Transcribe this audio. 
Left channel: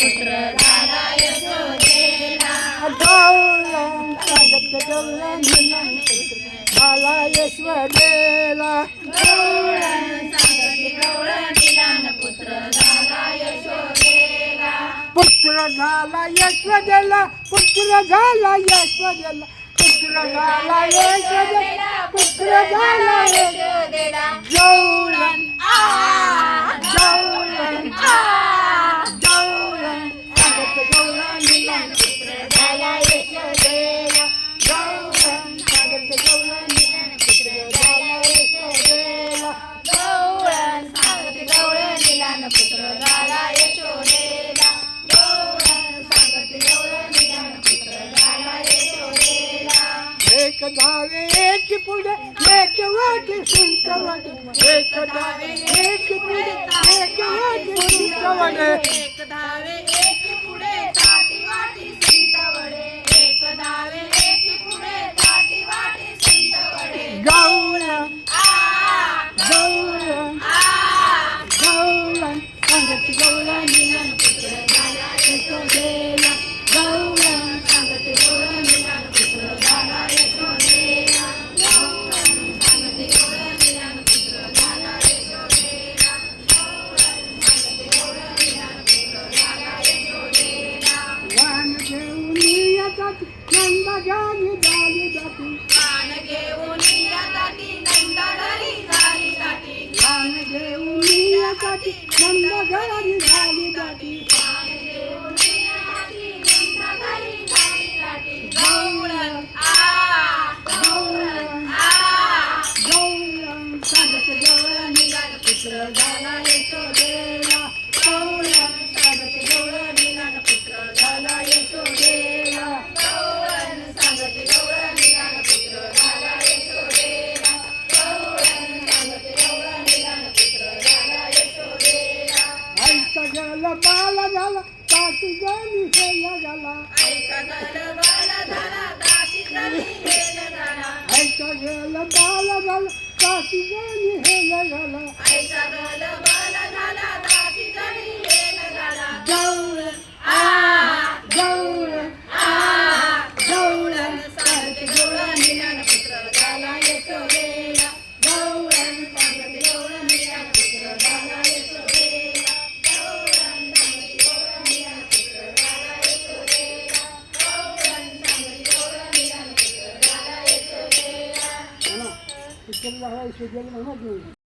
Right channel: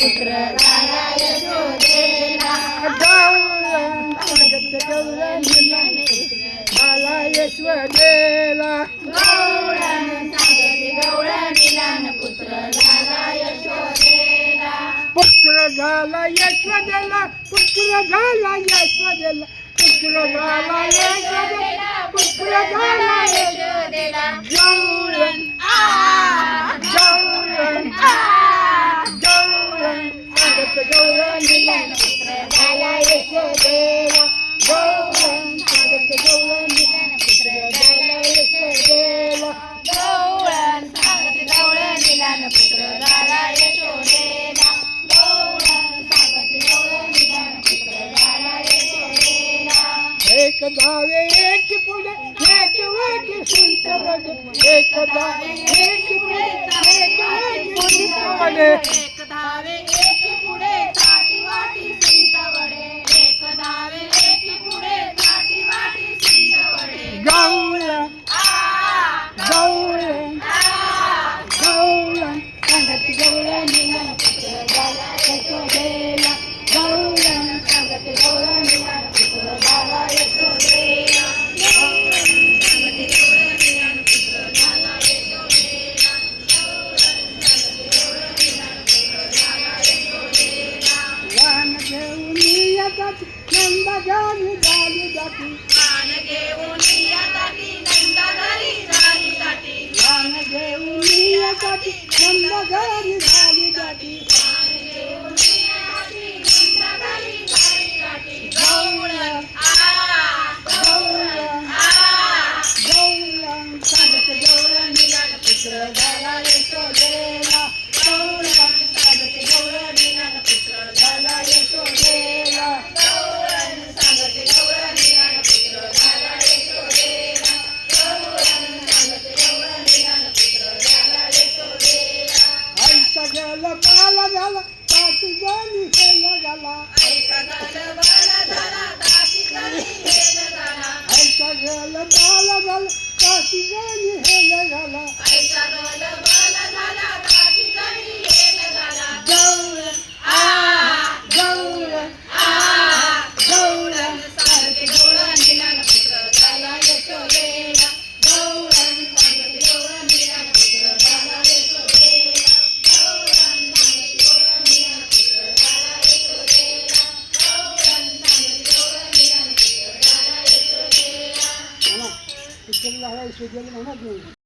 पुत्र झाला यशोदेला. गौरण सांगत गौरण झाला यशोदेला. गौरण सांगती गौरणीला पुत्र झाला यशोदेला. पुत्र झाला यशोदेला. पुत्र झाला यशोदेला. पुत्र झाला यशोदेला. पुत्र झाला यशोदेला. गौरण गौरण गौरण सांगत गौरणीला पुत्र झाला यशोदेला. गौरण सांगत गौरणीला पुत्र झाला यशोदेला. गौरण सांगती गौरणीला पुत्र झाला यशोदेला. गौरण सांगती गौरणीला पुत्र झाला यशोदेला. एक धावे एक पुढे एक वाटी सुंट वडे. एक धावे एक पुढे एक वाटी सुंट वडे. एक धावे एक पुढे ताटी वाटी सुंट वडे. एक धावे एक पुढे ताटी वाटी सुंट वडे. गौरण गौरण गौरण सांगत गौरणीला पुत्र झाला यशोदेला. गौरण सांगत गौरणीला पुत्र झाला यशोदेला. गौरण सांगती गौरणीला पुत्र झाला यशोदेला. गौरण सांगती गौरणीला पुत्र झाला यशोदेला. वाहन घेऊन येतात नंदा घरी झाली जाती. मान घेऊन या ताटी नंदा घरी झाली ताटी. वाहन घेऊन येतात नंदा घरी झाली जाती. मान घेऊन या ताटी नंदा घरी झाली ताटी. गौरण गौरण गौरण सांगत गौरणीला पुत्र झाला यशोदेला. गौरण सांगत गौरणीला पुत्र झाला यशोदेला. गौरण सांगती गौरणीला पुत्र झाला यशोदेला. गौरण सांगती गौरणीला पुत्र झाला यशोदेला. आईचा गेला बाला झाला सासू जाणी हेला झाला. ऐसा झालं बाला झाला दासी जणी हेल झाला. आईचा गेला बाला झाला सासू जाणी हेला झाला. ऐसा झालं बाला झाला दासी जणी हेल झाला. गौरण गौरण गौरण सांगती गौरणीला पुत्र झाला यशोदेला. गौरण सांगती गौरणीला पुत्र झाला यशोदेला. गौरण सांगती गौरणीला पुत्र झाला यशोदेला. गौरण सांगती गौरणीला पुत्र झाला यशोदेला. पुत्र झाला यशोदेला म्हणा.